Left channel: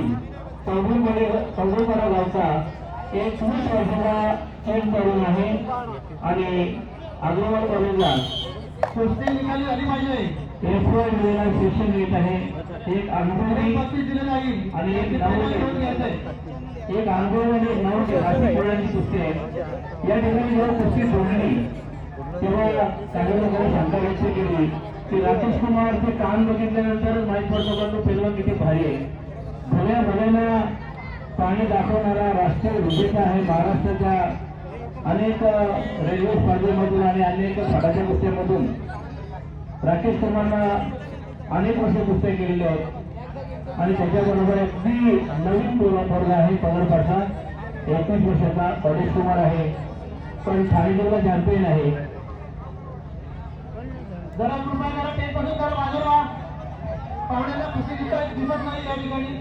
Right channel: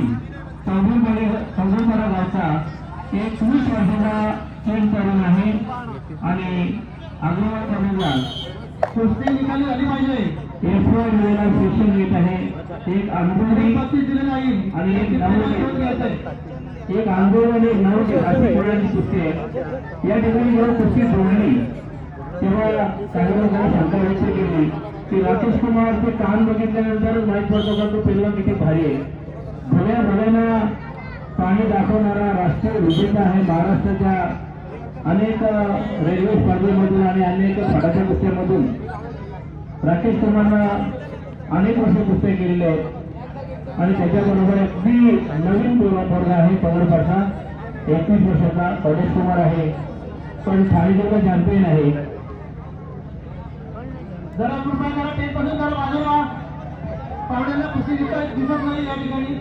येथील चौगुलपणे चौगुलपणा गावचा एक वीस वर्षाचा चेक तरुण आहे. आणि अग्रवाल कॉलेजला. कुस्ती निकाली झाली पाहिजे. एफ वाय दिलेला शिक्षण घेत आहे. एक अनुभवी आणि एक. करून. एक अनुभव आणि नऊ अशी खेळाची कुस्ती आहे या ठिकाणी जेव्हा कुस्ती सोडली तेव्हा काही लोकांनी शंका व्यक्त केली. की राकेश कुमारचे कान बघितल्यानंतर माहीत पडतो का तो पेलवा किती भारी आहे. सगळ्या मुलांना पाणी दाखवणारा राष्ट्रीय विजेता आहे. महाराष्ट्राच्या अनेक रेल्वे स्पर्धेमधून आणि अनेक फडाच्या कुस्त्यामधून राकेश कुमारना अनेक वर्ष कुस्त्या केलेल्या आहेत. आणि त्याच्याबरोबर अगदी नवीन पोरगा पोरगा आहे पवन पाठा एकवीस वर्षाचा गणेश कुमार आहे. पण ठाणे जिल्हा चॅम्पियन आहे. जरा कृपया करा टेपपासून जरा बाजूला पाहुण्यांना कुस्ती दिसत दिसत नाही या ठिकाणी.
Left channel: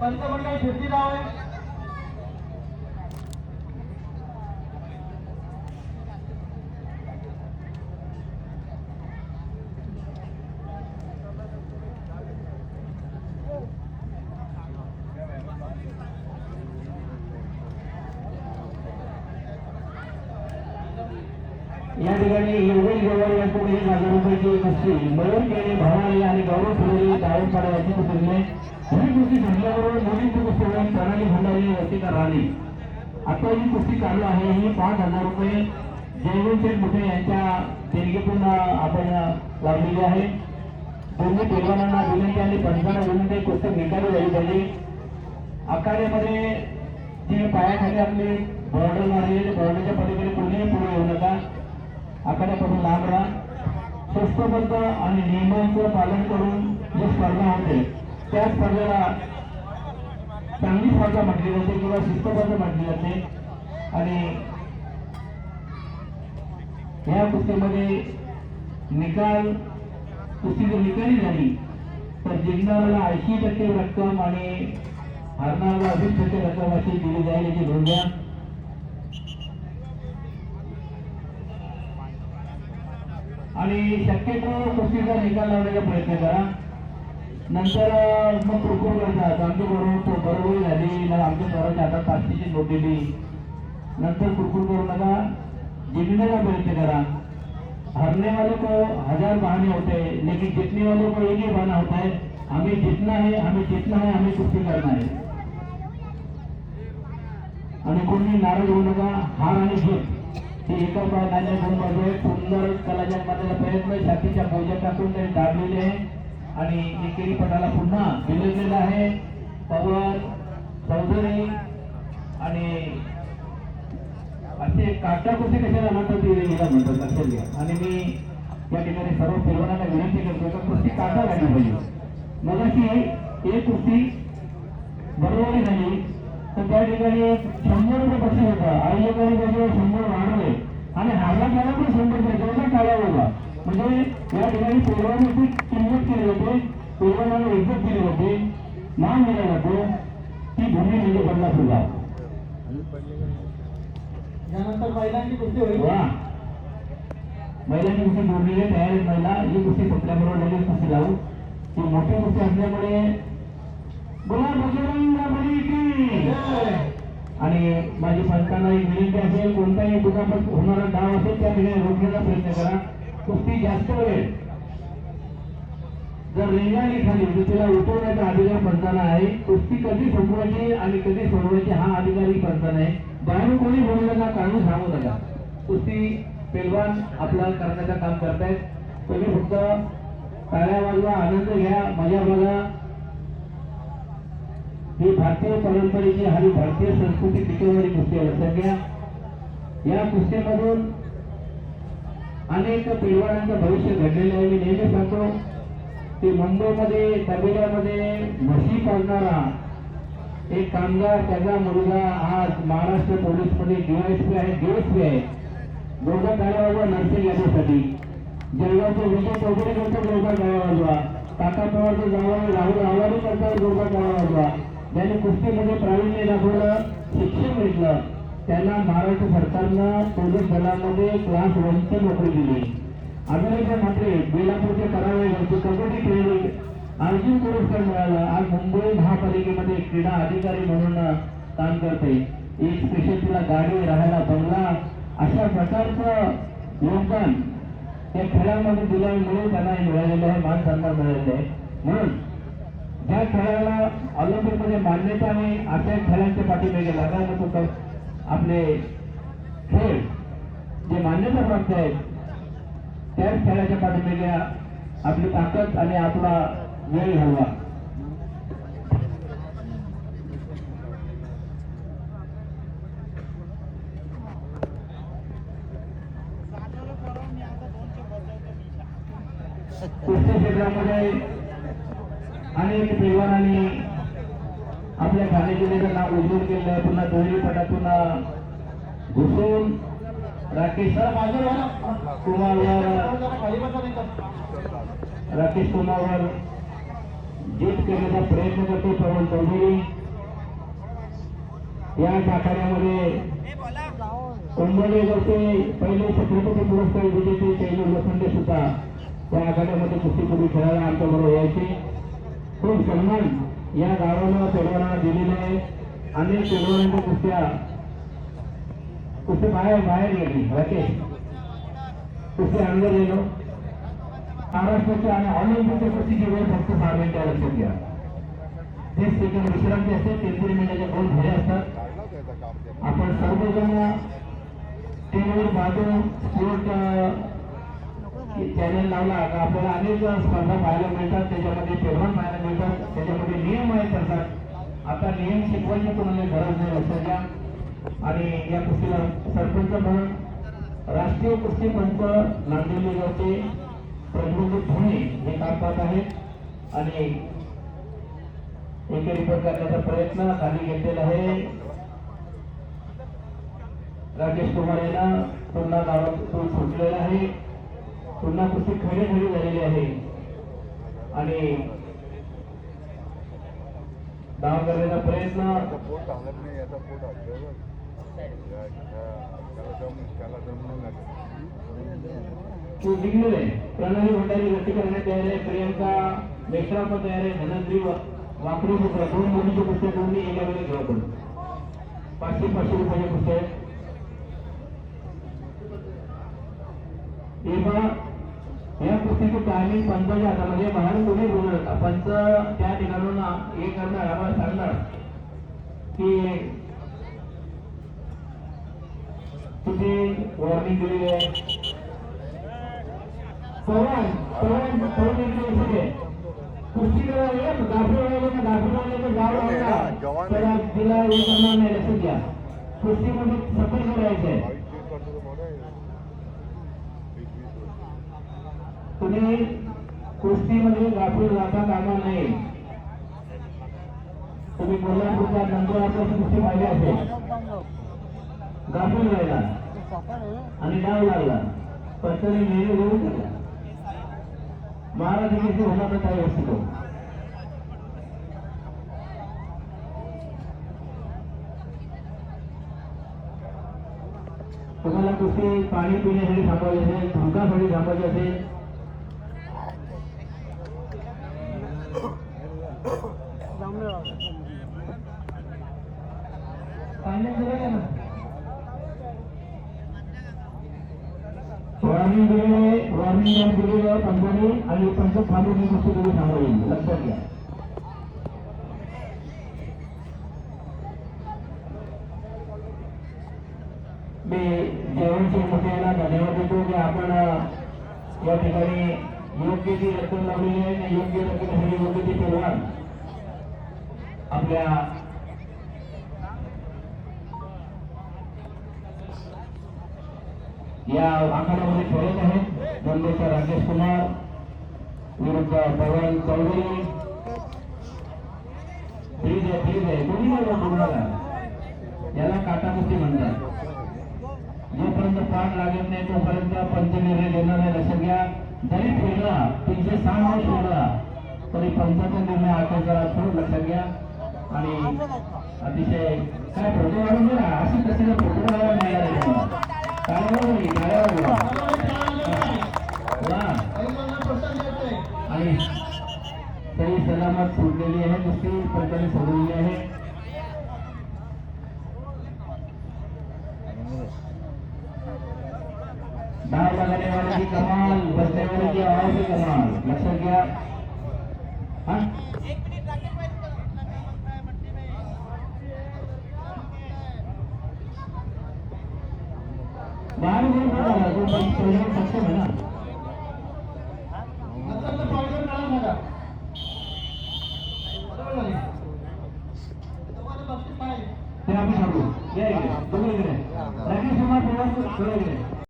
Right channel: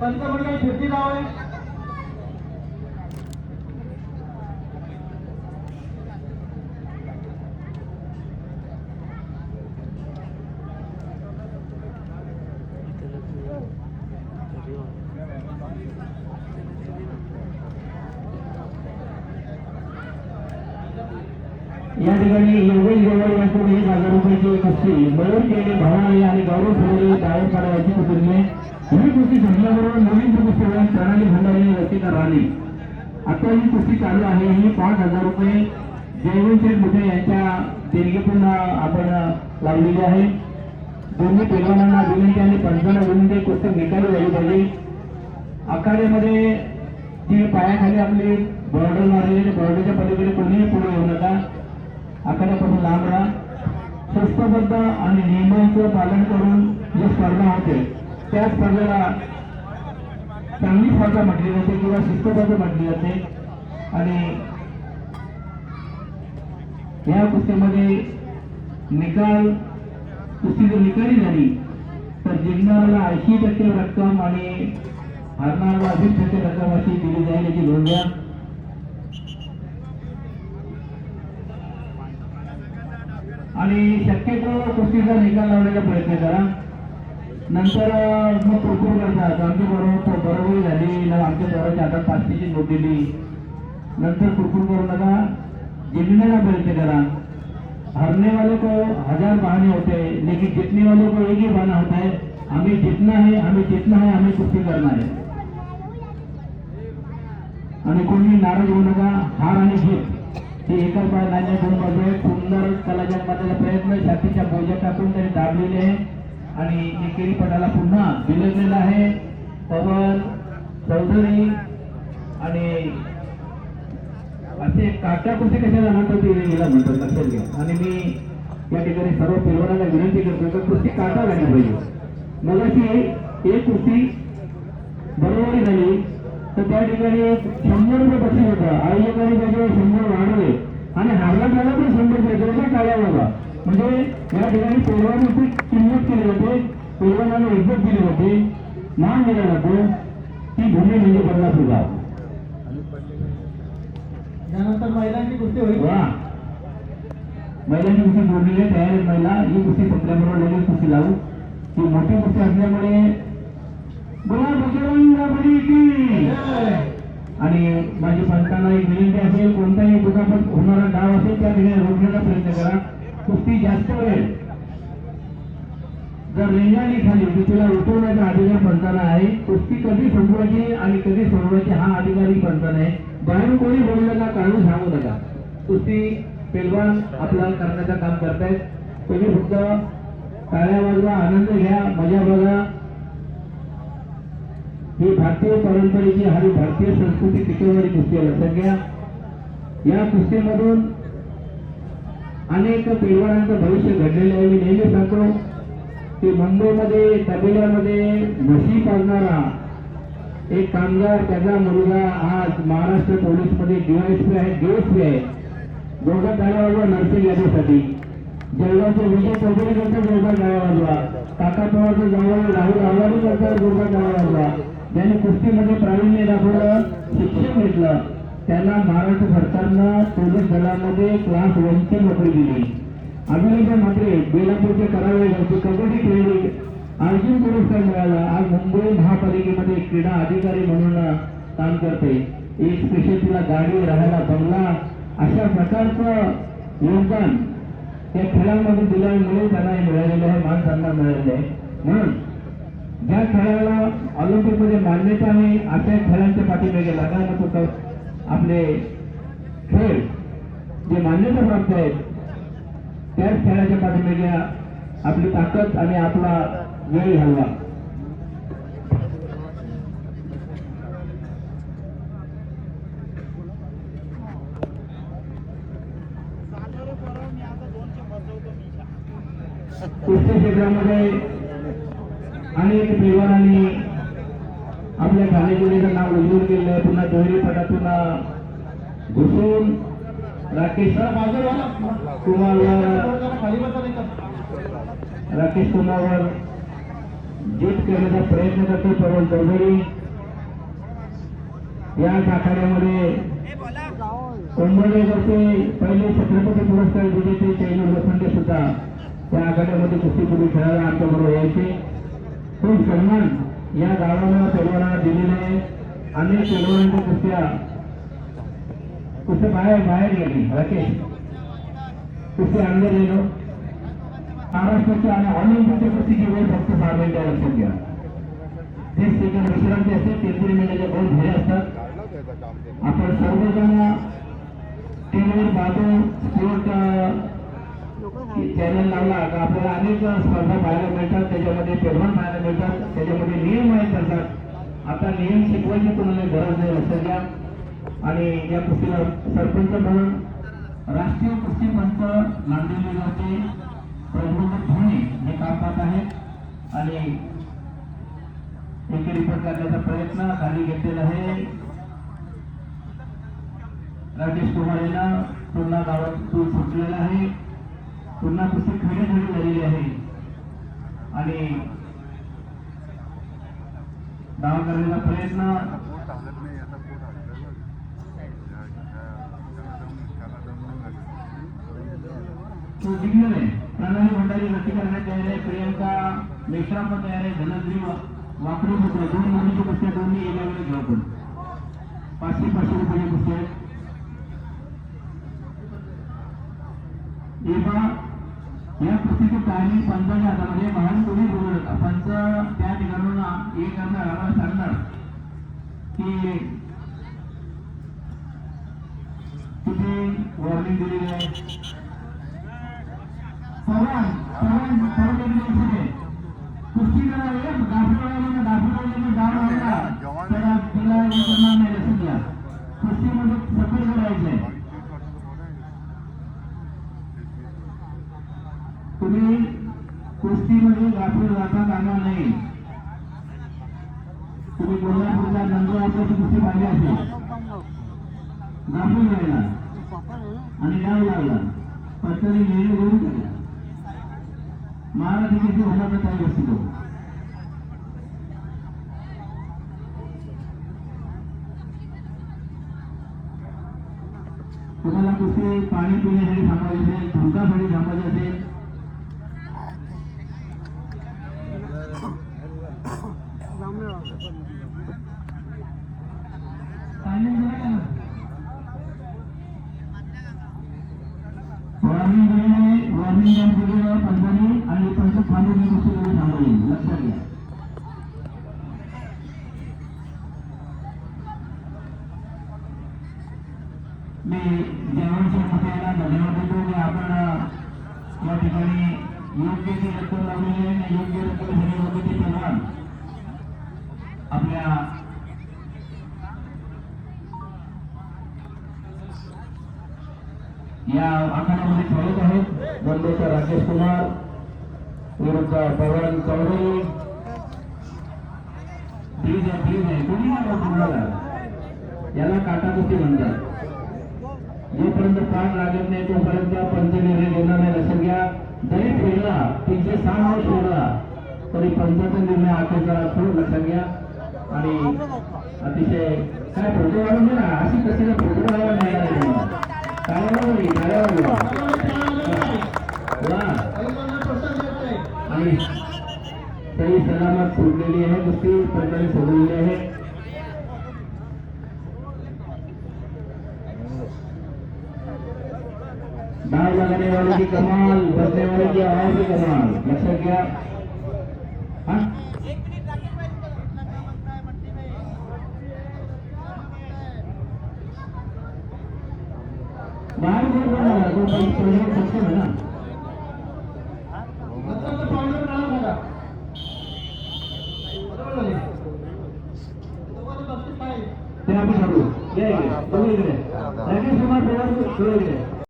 पंचमंडळ फिरती नाव आहे. या ठिकाणी योगेश गवळ यांकडून एक हजार रुपयाची कुस्ती मयूर केले भवानी आणि गौरव फुले दायरपाडा करायची कुटुंबे. ही कुस्ती संपल्याबरोबर नवीन कुस्ती प्रणाली भंडारी आणि रसिका राणी. आता ही कुस्ती चालू आहे. ही पाच हजार रुपये जयवंत शेठ मुठे यांच्या देणगीतून आपण लावलेली आहे. दोन्ही पैलवानांना विनंती आणि पंचांना विनंती कुस्ती निकाली झाली पाहिजे. आखाड्यामध्ये ती पायाखाली आपली बॉर्डर मारलेली बॉर्डरच्या पलीकडे कोणीही पुढे येऊ नका. आखाड्यापासून लांब राहा. शिस्तबद्ध आणि नियमांचं पालन करून जी स्पर्धा होते त्या स्पर्धेला चांगली स्पर्धा म्हटली जाते किंवा शिस्तबद्ध म्हटली जाते. आणि या कुस्तीमध्ये निकाल कुस्ती जर निकाली झाली तर जिंकणाऱ्याला ऐंशी टक्के रक्कम आणि हरणाऱ्याला अधिक टक्के रक्कम अशी दिली जाईल याची नोंद घ्या. आणि शक्यतो कुस्तीचा निकाल लावण्याचा प्रयत्न करा. नंतर मग कुरकुर करतात आमची बरोबर बरोबरी झाली. आमच्या पोराच्या हातात पाचशेची नोट दिली. नंतर कुरकुर करू नका जिंकण्याचा प्रयत्न करा हारने वाले को हजार बहाने होते लेकिन जीतने वाले को एक ही बहाना होता है हमें जीतना है हमें जीतना है हमें कुस्ती करना है आणि कोणी नाराज होऊ नका हार आणि जीत हे एका बाय नाण्या दोन बाजू आहे सुंदर कलाच्या करण्याचा प्रयत्न छातीच्या बोजा टाकून त्यांनी दाबलेले आहे. आणि एकेरी पटाला पुन्हा बिलगलेला आहे पवन चौधरी आणि असे काटा कुठे कशाला म्हणतात ते याला म्हणतात लक्षात घ्या. आणि मी या ठिकाणी सर्व पैलवानांना विनंती करतो का कुस्ती काटा झाली पाहिजे. मगाशी एक कुस्ती बरोबरी झाली तर त्या ठिकाणी शंभर रुपये बक्षीस होतं. आयोजकांनी त्याच्यावर शंभर वाढले. आणि हारला झाला पण शंभर रुपये दोघं टाळ्या म्हणजे या ठिकाणी पैलवानाची किंमत केली जाते पैलवानाला इज्जत दिली जाते मान दिला जातो ती भूमी म्हणजे पन्नास यानंतर महिलांची कुस्ती होईल. वा. महिलांची कुस्ती जोडलेली तयार आहेत महिला. ही कुस्ती संपल्याबरोबर लगेच कुस्ती लावू. ही मोठी कुस्ती असल्यामुळे बोला बजरंग बली की. जय. आणि माझी पंचांना एक विनंती असेल कोणताही दुखापत होणारा डाव असेल त्या ठिकाणी रोखण्याचा प्रयत्न करा. कुस्ती जास्त वेळ. जर रेंगाळली खाली तर तिला उठवण्याचा अधिकार पंचाला आहे. कुस्ती कधी संपवायची आणि कधी सोडवायची हा अधिकारी पंचाला आहे. बाहेरून कोणी बोलू नका काढून सांगू नका. कुस्ती पेलवान आपला करण्याचं काम करतायत. तुम्ही फक्त टाळ्या वाजवा आनंद घ्या मजा बघा. ही भारतीय परंपरेची आणि भारतीय संस्कृती टिकवणारी कुस्ती आहे लक्षात घ्या. या कुस्तीमधून अनेक पैलवानांचं भविष्य घडलेलं आहे. मी नेहमी सांगतो की मुंबईमध्ये तबेल्यामध्ये म्हशी पाळणारा एक कामगार त्याचा मुलगा आज महाराष्ट्र पोलीसमध्ये डीवायसपी आहे डीएसपी आहे. दोघा टाळ्या नर्सिंग यादीसाठी. जळगावचे विजय चौधरी करतात दोघा टाळ्या वाजवा. काका पवारचे जवळ राहुल आव्हाडी करतात दोघा टाळ्या ज्याने कुस्तीमध्ये प्रावीण्य दाखवलं शिक्षण घेतलं. त्याला महाराष्ट्र सरकारनं पोलीस दलामध्ये क्लास वनची नोकरी दिली. अभिनेता मात्रे बेलापूरचे करावे घरचे कबड्डी खेळली. अर्जुन पुरस्कार मिळाला. आज मुंबई महापालिकेमध्ये क्रीडा अधिकारी म्हणून काम करते. एक स्पेशल तिला गाडी राहायला बंगला. अशा प्रकारचं योगदान या खेळामध्ये दिल्यामुळे त्यांना हे मिळालेलं आहे मान सन्मान मिळालेला आहे. म्हणून ज्या खेळाला ऑलिम्पिकमध्ये मान्यता आहे अशा खेळांच्या पाठीमागे लागायला तो आपले खेळ जे मान्यता प्राप्त आहेत त्याच खेळाच्या पाठीमागे आपली ताकद आणि आपला वेळ घालवा कुस्ती क्षेत्रामध्ये अनेक पैलवानांनी आपल्या ठाणे नाव उजवून केलं पुन्हा दोन्ही पटातून घुसून राकेश कुमारवर राकेश कुमारवर जीत करण्याचा प्रयत्न करतो पवन चौधरी. या आखाड्यामध्ये कुंभोजेवरचे पहिले छत्रपती पुरस्कार विजेते चैनी लोखंडे सुद्धा त्या आखाड्यामध्ये कुस्तीपूर्वी खेळायला आमच्याबरोबर यायचे. खूप सन्मान या गावानं पैलवानांना दिलेले अनेक पैलवानांच्या कुस्त्या. कुस्ती बाहेर बाहेर गेली. राकेश कुस्ती अंदर गेलो. महाराष्ट्राच्या आणि ऑलिम्पिकच्या कुस्तीची वेळ फक्त सहा मिनिटं लक्षात घ्या. तीस सेकंड विश्रांती असते तीन तीन मिनिटाच्या दोन फेऱ्या असतात. आपण सर्वजण टीमवर पाहतो स्पोर्ट चॅनल लावला. तर आपल्याला अनेक स्पर्धा पाहायला मिळतात त्याच्यामध्ये पेरवण पाहायला मिळतात त्याच्यामध्ये नियम आहेत असतात आता नियम शिकवायची कोणाला गरज नाही लक्षात घ्या. आणि या कुस्तीला सरपंच म्हणून राष्ट्रीय कुस्ती पंच नांदेली जाते. प्रज्वलित धोणे हे काम पाहत आहेत. आणि एके रिपोर्ट करण्याचा प्रयत्न खाली घेतलेला आहे. राकेश कुमार यांना पुन्हा गावातून सुटलेला आहे. पुन्हा कुस्ती खडी खडी झालेली आहे आणि डाव करण्याचा प्रयत्न पोट हालत आहे प्रणाली भंडारी गती करण्यात तयार आहे. प्रियंका मेश्रा पण तयार आहे. धनश्री वापरू वाकडी दोन मुलीचे पुस्तक दोन्ही एका वेळेला घेऊ आपण. पाचशे पाचशे रुपयाचे पुस्तक. या कुस्तीची टायमिंग पंचाच्या हातामध्ये बाहेर तुम्ही बोलू नका पंच त्या ठिकाणून हे करणार आम्हाला सांगणार की किती वॉर्निंग दिलेली आहे. पवन पवन पवन एक दिवस होते कुस्ती करायला गाफी वळायला गाव लागला तर तिला हे करणार नाही लक्षात घ्या. कुस्तीमध्ये सफल करायचंय. बावीस तेवीस वर्षाचं पोट आहे वीस वीस वर्ष कुस्तीमध्ये गाफील जाता कामा नये. तुम्ही कोल्हापूरच्या नंतर नंदुरबारची कुस्ती पाहिली असेल. गाफील राहिला आणि डाव लागला पत्तरी निर्णय घेऊन केला महाराज किती होणार तर काही असतो तुम्हाला कुस्ती पाणी पिण्यासाठी थांबवायचे असेल धुंकासाठी थांबवायचे असेल Timing दिलेलं आहे ना. वॉर्निंग दिलेले वॉर्निंग दिलेलं पंचाने आणि पंच थांबून कुस्ती तुम्ही थांबवली लक्षात घ्या. मी जयवंतसिंह मुखेला धन्यवाद देतो की आपण या ठिकाणी योग्य ती रक्कम लावलेली आहे आणि योग्य रक्कमेसाठी योग्य ती पैलवान आपल्या या आखाड्यामध्ये खेळत आहेत. मुंबईचा राकेश कुमार विरुद्ध पवन चौधरी. ठीक आहे ठीक आहे. कोणी नाही तुम्हाला याला काटाकुस्ती म्हणतात. जोपर्यंत पाठ लागत नाही तोपर्यंत पंच निर्णय घेणार नाही. लक्षात घ्या जरी फिरला तीनशे सहा वर्ष फिरला तरी पंचाचा निर्णय आठवचा असतो लक्षात घ्या. आणि अतिशय काय फोटो काढून दे ना अशी कशी काय फोटो काढायला मिळाला नाही. तुम्हाला. काय बरोबर काय बरोबर वा. काही कोणाला प्रोत्साहन देत नाही. आणि सही सलामत सोडलेली आहे कुस्ती पंचाने सोडलेली आहे बाहर लगाने वाले की कमाल बचने वाले की और भी कमाल लक्षात घ्या हा? बाहर गोल बनवला तो पहिले सक्षम आहे ना नंतर पावलं काढा बघा बरोबर झाले दोघांचं बक्षीस काय